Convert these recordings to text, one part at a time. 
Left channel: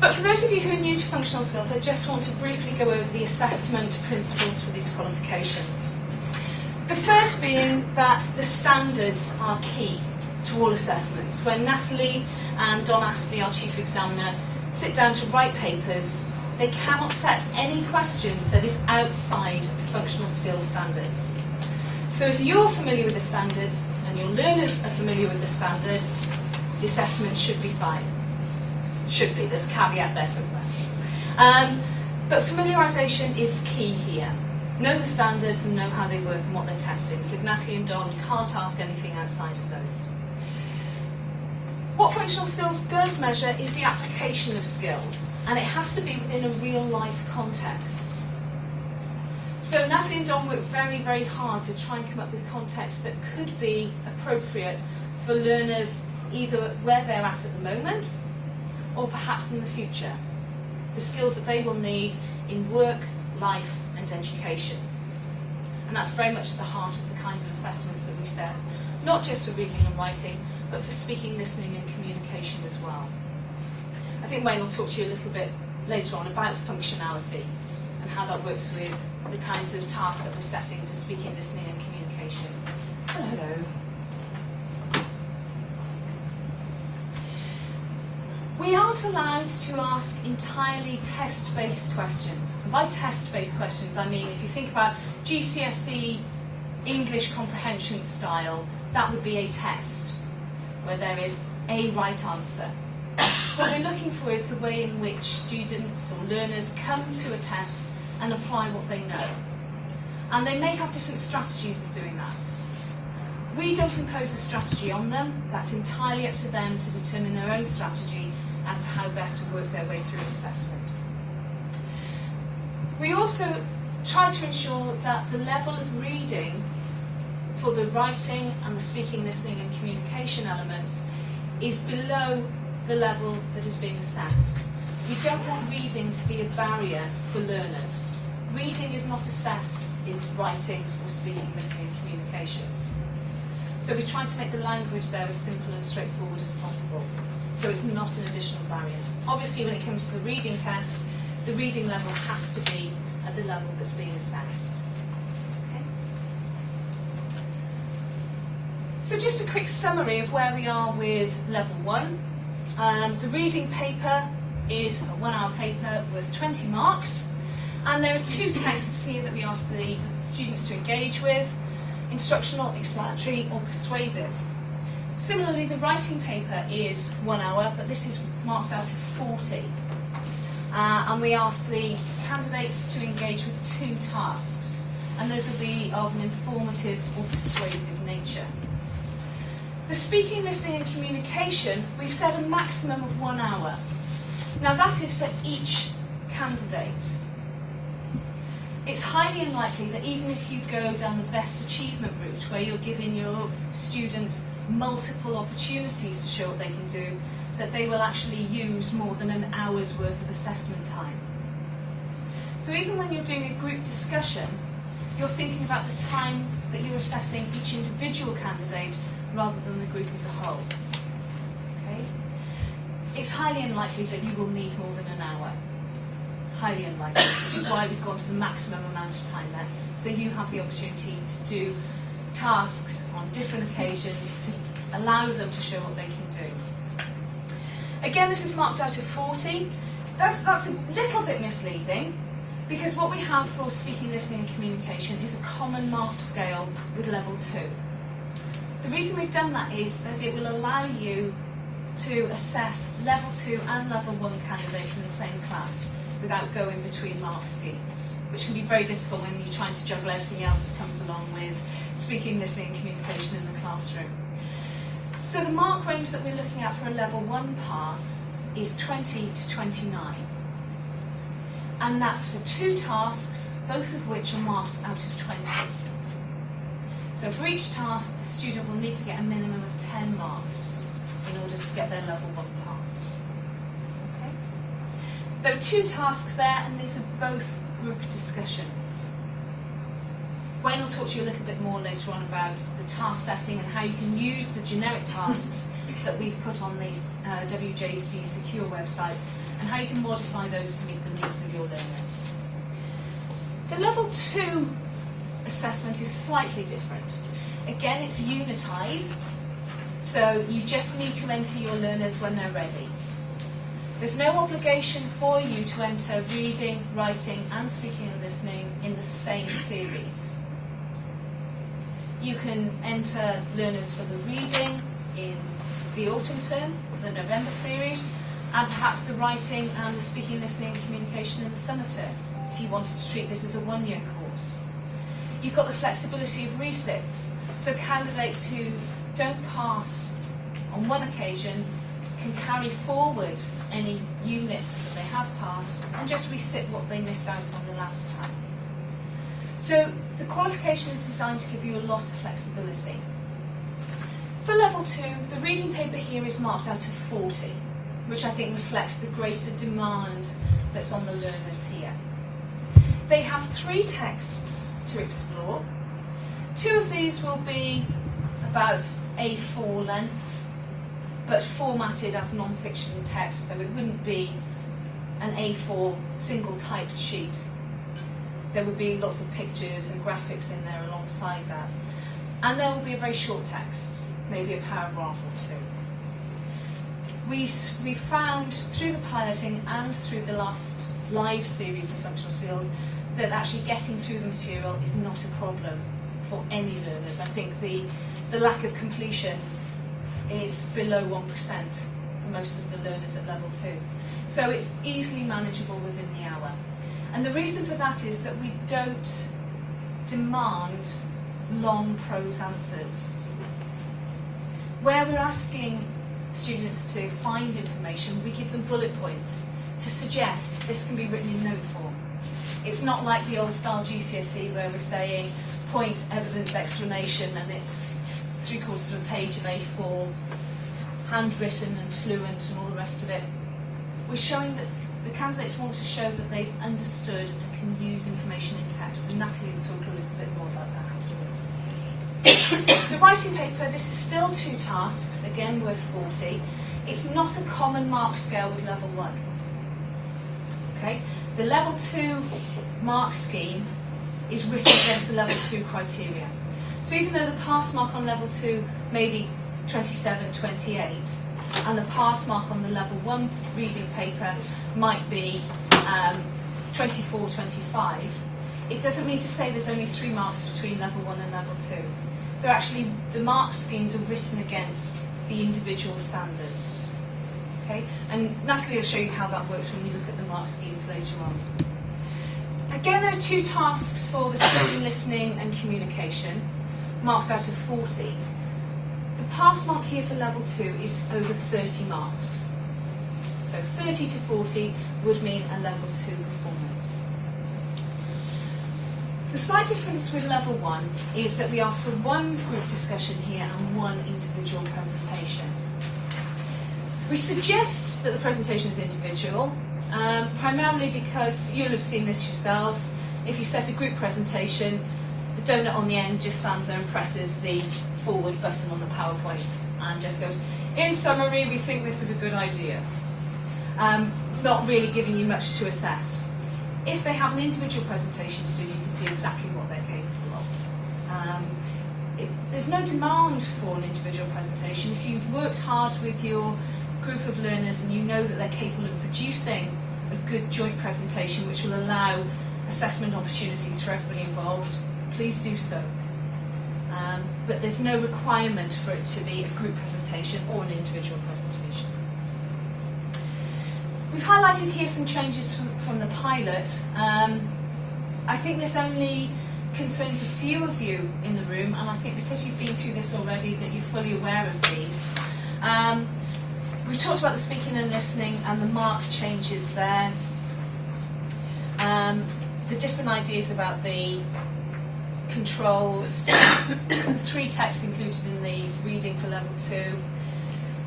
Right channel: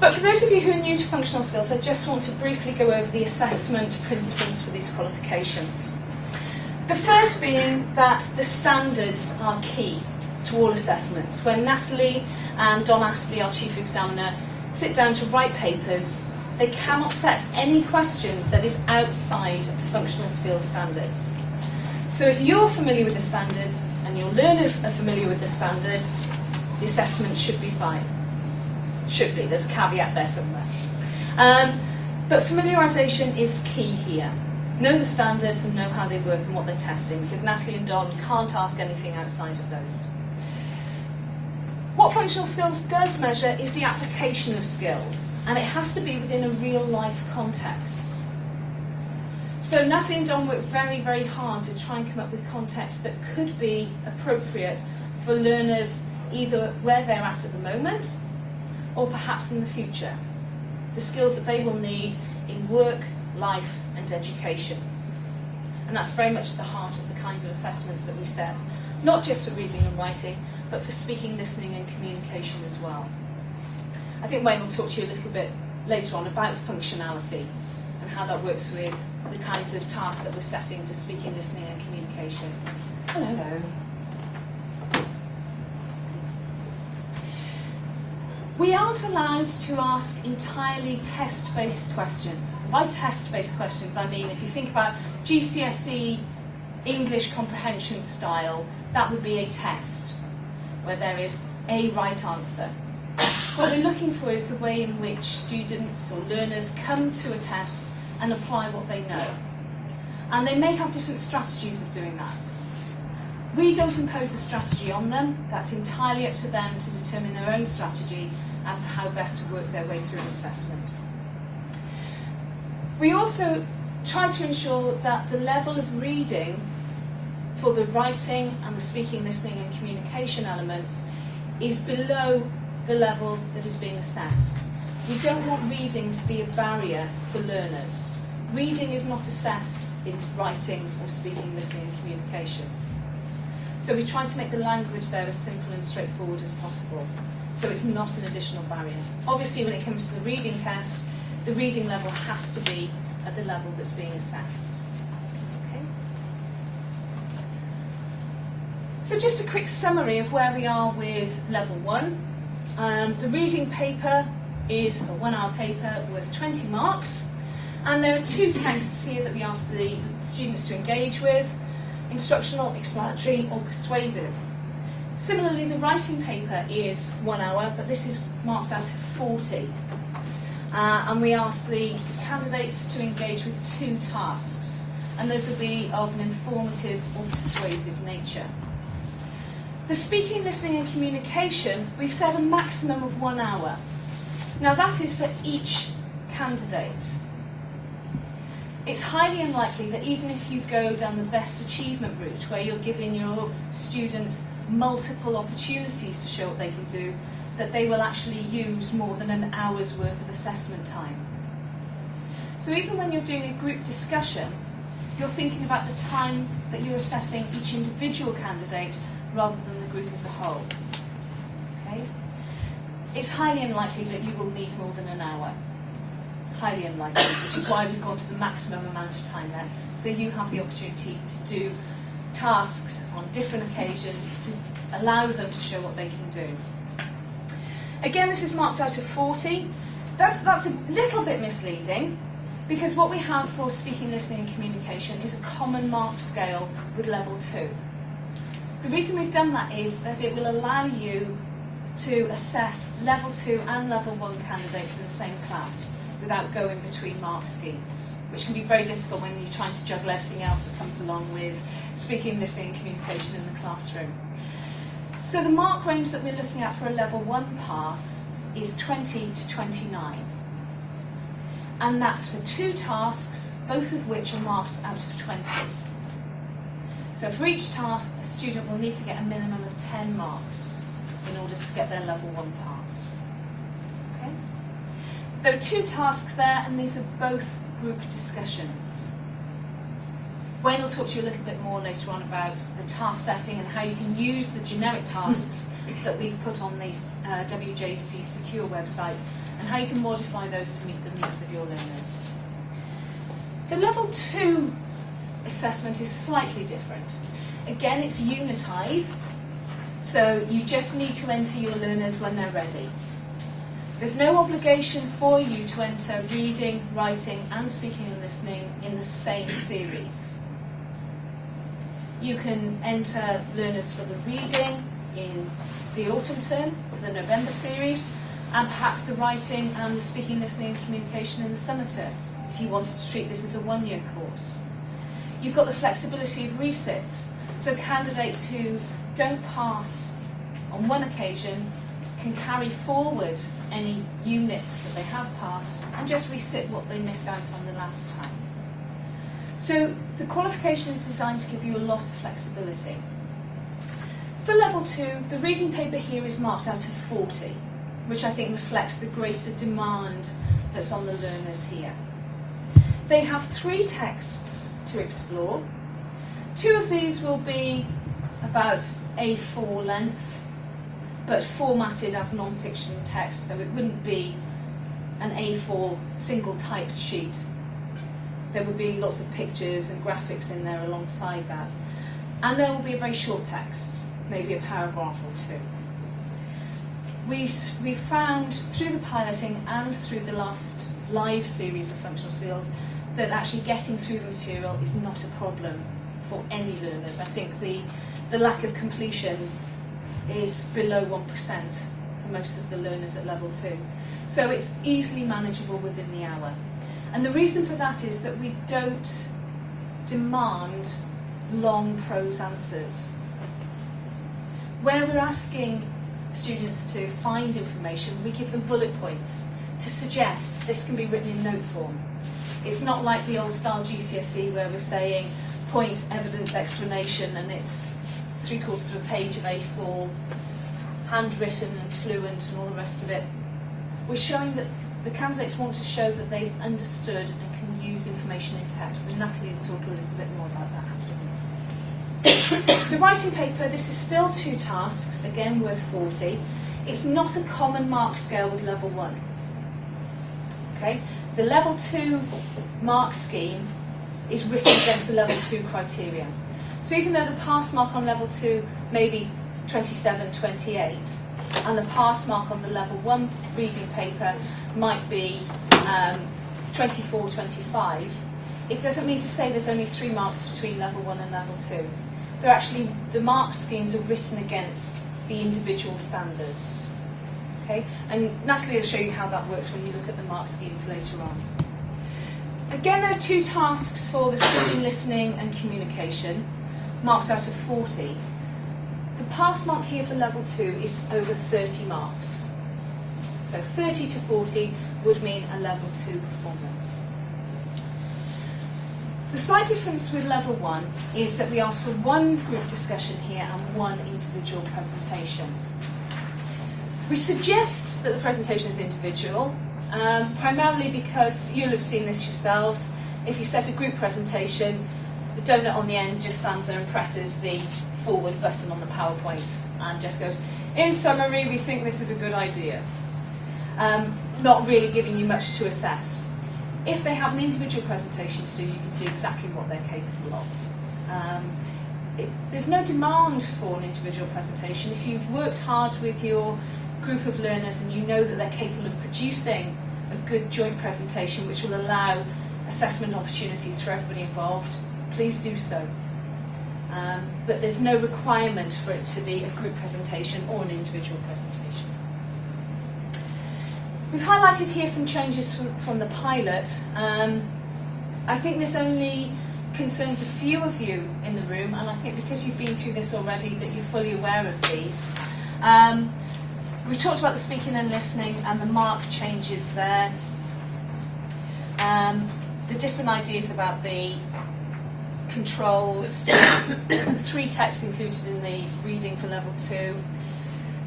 But for those of you who are new to functional skills, I just want to briefly go over the assessment principles for these qualifications. The first being that the standards are key to all assessments. When Natalie and Don Astley, our Chief Examiner, sit down to write papers, they cannot set any question that is outside of the functional skills standards. So if you're familiar with the standards and your learners are familiar with the standards, the assessment should be fine. Should be, there's a caveat there somewhere. But familiarisation is key here. Know the standards and know how they work and what they're testing, because Natalie and Don can't ask anything outside of those. What functional skills does measure is the application of skills, and it has to be within a real-life context. So Natalie and Don work very, very hard to try and come up with contexts that could be appropriate for learners either where they're at the moment or perhaps in the future. The skills that they will need in work, life and education. And that's very much at the heart of the kinds of assessments that we set, not just for reading and writing, but for speaking, listening and communication as well. I think Wayne will talk to you a little bit later on about functionality and how that works with the kinds of tasks that we're setting for speaking, listening and communication. Hello. We aren't allowed to ask entirely test-based questions. And by test-based questions, I mean if you think about GCSE English comprehension style, that would be a test, where there is a right answer. What we're looking for is the way in which students or learners come to a test and apply what they know. And they may have different strategies of doing that. We don't impose a strategy on them. That's entirely up to them to determine their own strategy as to how best to work their way through an assessment. We also try to ensure that the level of reading for the writing and the speaking, listening and communication elements is below the level that is being assessed. We don't want reading to be a barrier for learners. Reading is not assessed in writing or speaking, listening and communication. So we try to make the language there as simple and straightforward as possible, so it's not an additional barrier. Obviously, when it comes to the reading test, the reading level has to be at the level that's being assessed. Okay. So just a quick summary of where we are with level 1. The reading paper is a 1-hour paper worth 20 marks, and there are 2 texts here that we ask the students to engage with: instructional, explanatory or persuasive. Similarly, the writing paper is 1 hour, but this is marked out of 40. And we ask the candidates to engage with 2 tasks, and those will be of an informative or persuasive nature. The speaking, listening and communication, we've set a maximum of 1 hour. Now that is for each candidate. It's highly unlikely that even if you go down the best achievement route, where you're giving your students multiple opportunities to show what they can do, that they will actually use more than an hour's worth of assessment time. So even when you're doing a group discussion, you're thinking about the time that you're assessing each individual candidate rather than the group as a whole. Okay? It's highly unlikely that you will need more than an hour. Highly unlikely, which is why we've gone to the maximum amount of time there. So you have the opportunity to do tasks on different occasions to allow them to show what they can do. Again, this is marked out of 40. That's a little bit misleading, because what we have for speaking, listening and communication is a common mark scale with level 2. The reason we've done that is that it will allow you to assess level 2 and level 1 candidates in the same class without going between mark schemes, which can be very difficult when you're trying to juggle everything else that comes along with speaking, listening and communication in the classroom. So the mark range that we're looking at for a level 1 pass is 20 to 29. And that's for 2 tasks, both of which are marked out of 20. So for each task, a student will need to get a minimum of 10 marks in order to get their level 1 pass. Okay? There are 2 tasks there, and these are both group discussions. Wayne will talk to you a little bit more later on about the task setting and how you can use the generic tasks that we've put on the WJEC secure website and how you can modify those to meet the needs of your learners. The level 2 assessment is slightly different. Again, it's unitised, so you just need to enter your learners when they're ready. There's no obligation for you to enter reading, writing and speaking and listening in the same series. You can enter learners for the reading in the autumn term, the November series, and perhaps the writing and the speaking, listening and communication in the summer term, if you wanted to treat this as a one-year course. You've got the flexibility of resits, so candidates who don't pass on one occasion can carry forward any units that they have passed and just resit what they missed out on the last time. So the qualification is designed to give you a lot of flexibility. For level 2, the reading paper here is marked out of 40, which I think reflects the greater demand that's on the learners here. They have 3 texts to explore. 2 of these will be about A4 length, but formatted as non-fiction text, so it wouldn't be an A4 single-typed sheet. There would be lots of pictures and graphics in there alongside that. And there will be a very short text, maybe a paragraph or 2. We found through the piloting and through the last live series of functional skills that actually getting through the material is not a problem for any learners. I think the lack of completion is below 1% for most of the learners at level 2. So it's easily manageable within the hour. And the reason for that is that we don't demand long prose answers. Where we're asking students to find information, we give them bullet points to suggest this can be written in note form. It's not like the old style GCSE where we're saying point, evidence, explanation, and it's 3/4 of a page of A4, handwritten and fluent and all the rest of it. We're showing that the candidates want to show that they've understood and can use information in text, and Natalie will talk a little bit more about that afterwards. The writing paper, this is still 2 tasks, again worth 40. It's not a common mark scale with level 1. Okay? The level 2 mark scheme is written against the level 2 criteria. So even though the pass mark on level 2 may be 27, 28, and the pass mark on the level 1 reading paper might be 24, 25, it doesn't mean to say there's only 3 marks between level 1 and level 2. They're actually, the mark schemes are written against the individual standards. Okay? And Natalie will show you how that works when you look at the mark schemes later on. Again, there are 2 tasks for the speaking, listening and communication, marked out of 40. The pass mark here for level 2 is over 30 marks. So 30 to 40 would mean a level 2 performance. The slight difference with level 1 is that we ask for 1 group discussion here and 1 individual presentation. We suggest that the presentation is individual, primarily because you'll have seen this yourselves. If you set a group presentation, the donut on the end just stands there and presses the forward button on the PowerPoint and just goes, in summary, we think this is a good idea. Not really giving you much to assess. If they have an individual presentation to do, you can see exactly what they're capable of. There's no demand for an individual presentation. If you've worked hard with your group of learners and you know that they're capable of producing a good joint presentation which will allow assessment opportunities for everybody involved, please do so. But there's no requirement for it to be a group presentation or an individual presentation. We've highlighted here some changes from the pilot. I think this only concerns a few of you in the room, and I think because you've been through this already that you're fully aware of these. We've talked about the speaking and listening and the mark changes there. The different ideas about the controls, the 3 texts included in the reading for level 2.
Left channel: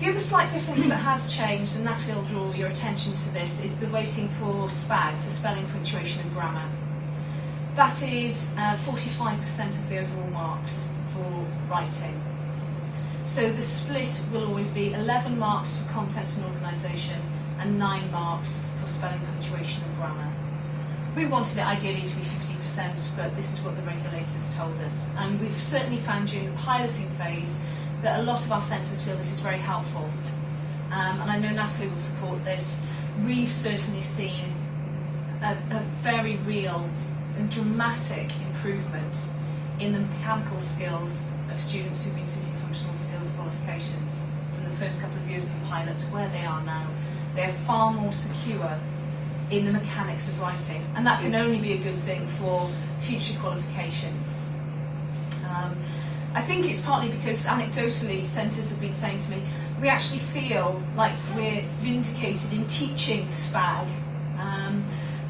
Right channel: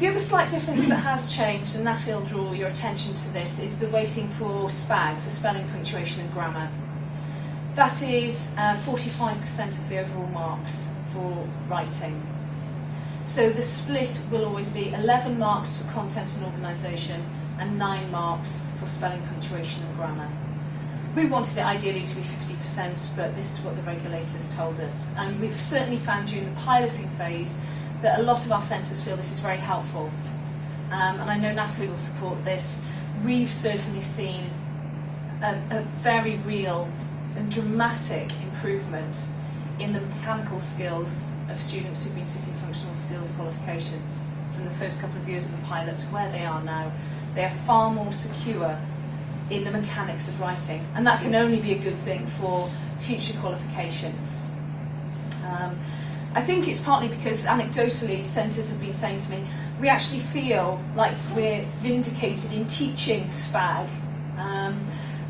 The other slight difference that has changed, and Natalie will draw your attention to this, is the weighting for SPAG, for spelling, punctuation and grammar. That is 45% of the overall marks for writing. So the split will always be 11 marks for content and organisation and 9 marks for spelling, punctuation and grammar. We wanted it ideally to be 50%, but this is what the regulators told us. And we've certainly found during the piloting phase that a lot of our centres feel this is very helpful. And I know Natalie will support this. We've certainly seen a very real and dramatic improvement in the mechanical skills of students who've been sitting functional skills qualifications from the first couple of years of the pilot to where they are now. They are far more secure in the mechanics of writing, and that can only be a good thing for future qualifications. I think it's partly because anecdotally centres have been saying to me, we actually feel like we're vindicated in teaching SPAG.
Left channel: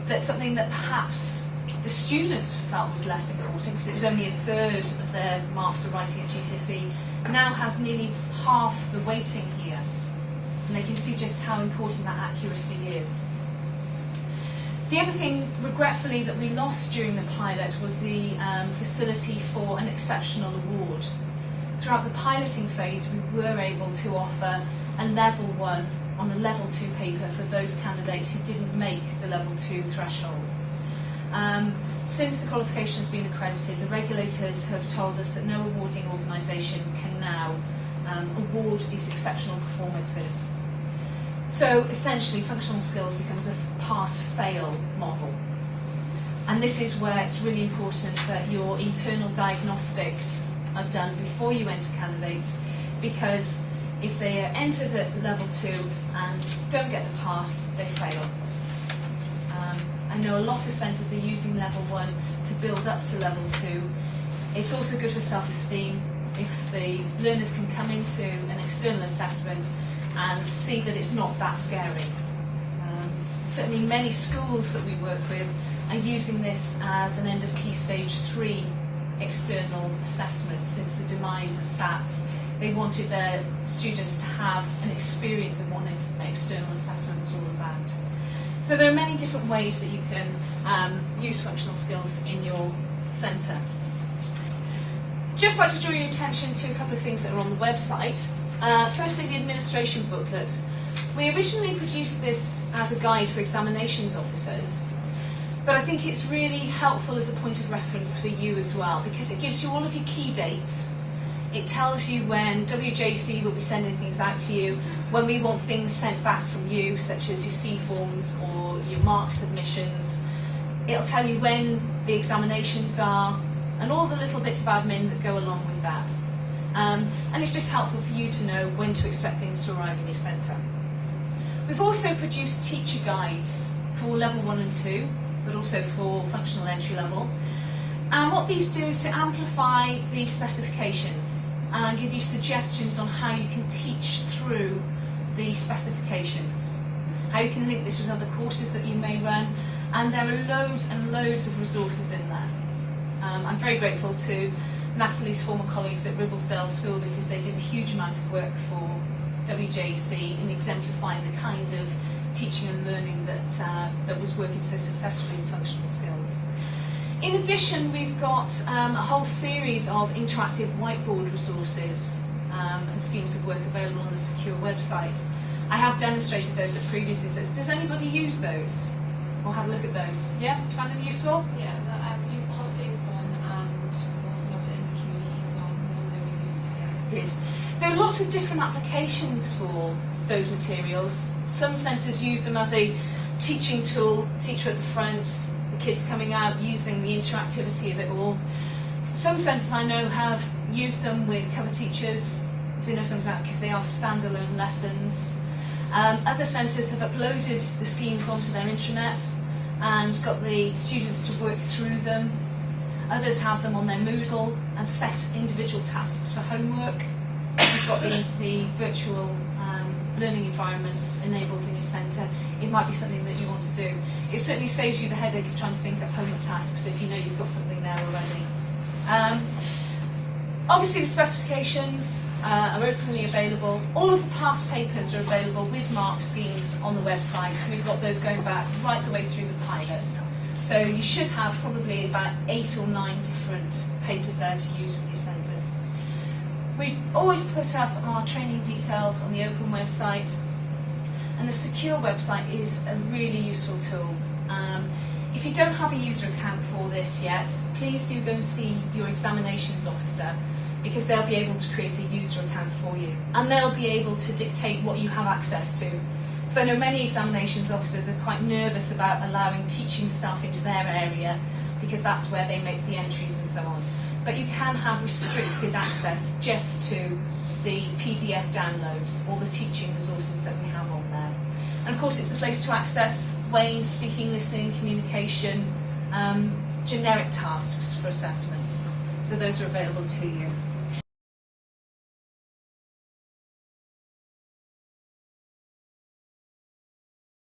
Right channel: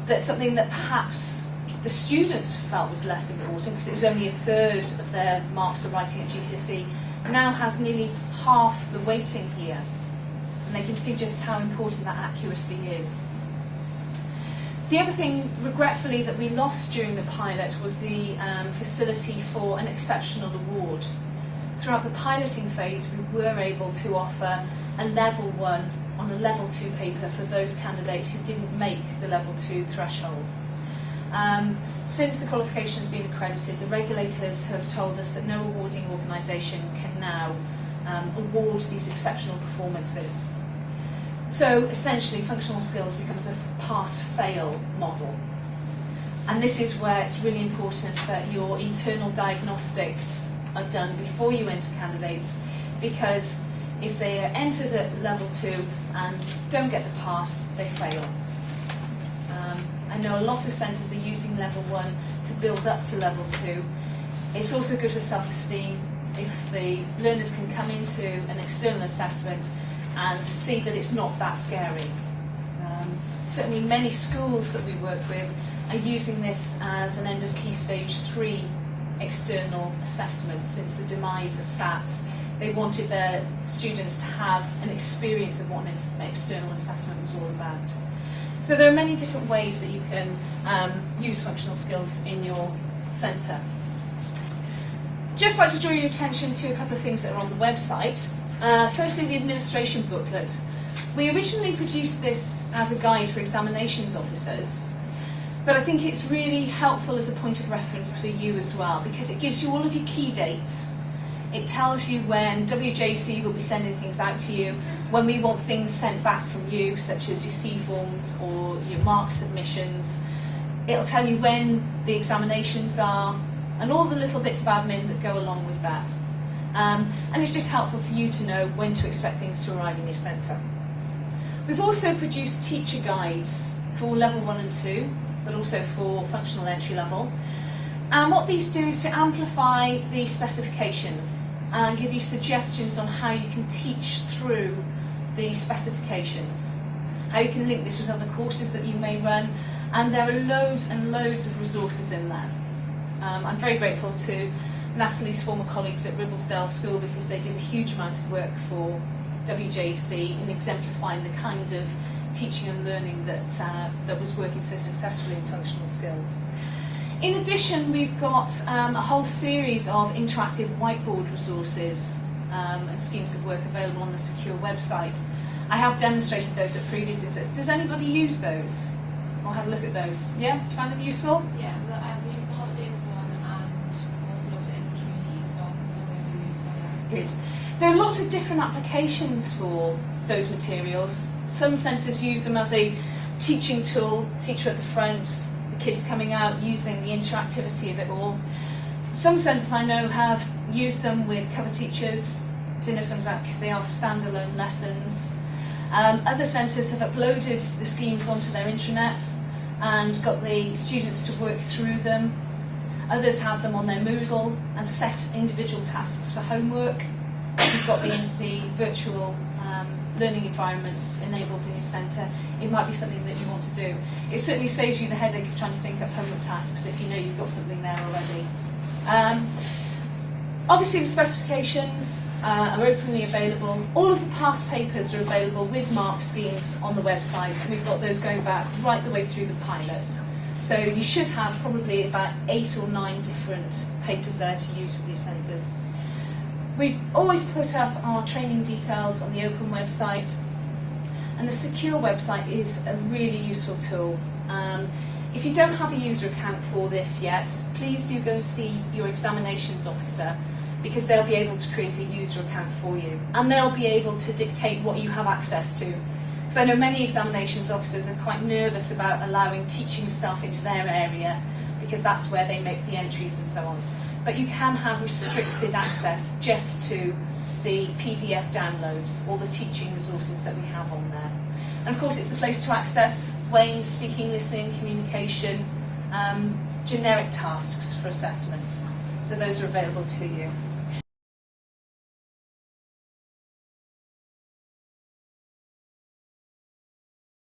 That's something that perhaps the students felt was less important because it was only a third of their marks for writing at GCSE, now has nearly half the weighting here. And they can see just how important that accuracy is. The other thing, regretfully, that we lost during the pilot was the facility for an exceptional award. Throughout the piloting phase, we were able to offer a level 1 on a level 2 paper for those candidates who didn't make the level 2 threshold. Since the qualification has been accredited, the regulators have told us that no awarding organisation can now award these exceptional performances. So essentially, functional skills becomes a pass-fail model. And this is where it's really important that your internal diagnostics are done before you enter candidates, because if they are entered at level 2 and don't get the pass, they fail. I know a lot of centres are using level 1 to build up to level 2. It's also good for self-esteem if the learners can come into an external assessment and see that it's not that scary. Certainly many schools that we work with are using this as an end of key stage 3 external assessment since the demise of SATs. They wanted their students to have an experience of what an external assessment was all about. So there are many different ways that you can use functional skills in your centre. Just like to draw your attention to a couple of things that are on the website. Firstly, the administration booklet. We originally produced this as a guide for examinations officers, but I think it's really helpful as a point of reference for you as well, because it gives you all of your key dates. It tells you when WJEC will be sending things out to you, when we want things sent back from you, such as your C forms or your mark submissions. It'll tell you when the examinations are, and all the little bits of admin that go along with that. And it's just helpful for you to know when to expect things to arrive in your centre. We've also produced teacher guides for level 1 and 2, but also for functional entry level. And what these do is to amplify the specifications and give you suggestions on how you can teach through the specifications, how you can link this with other courses that you may run, and there are loads and loads of resources in there. I'm very grateful to Natalie's former colleagues at Ribblesdale School because they did a huge amount of work for WJEC in exemplifying the kind of teaching and learning that was working so successfully in functional skills. In addition, we've got a whole series of interactive whiteboard resources and schemes of work available on the secure website. I have demonstrated those at previous instances. Does anybody use those? Or have a look at those? Yeah? Do you find them useful? Yeah, I've used the holidays one and I've also got it in the community as well. They're very useful. Good. There are lots of different applications for those materials. Some centres use them as a teaching tool, teacher at the front, the kids coming out using the interactivity of it all. Some centres I know have used them with cover teachers. I do know some of that because they are standalone lessons. Other centres have uploaded the schemes onto their intranet and got the students to work through them. Others have them on their Moodle and set individual tasks for homework. You've got the virtual learning environments enabled in your centre. It might be something that you want to do. It certainly saves you the headache of trying to think up homework tasks if you know you've got something there already. Obviously the specifications are openly available. All of the past papers are available with mark schemes on the website. We've got those going back right the way through the pilot. So you should have probably about 8 or 9 different papers there to use with your centres. We always put up our training details on the Open website, and the Secure website is a really useful tool. If you don't have a user account for this yet, please do go and see your examinations officer, because they'll be able to create a user account for you, and they'll be able to dictate what you have access to. Because I know many examinations officers are quite nervous about allowing teaching staff into their area, because that's where they make the entries and so on. But you can have restricted access just to the PDF downloads or the teaching resources that we have on there. And of course it's the place to access Wayne's speaking, listening, communication, generic tasks for assessment. So those are available to you.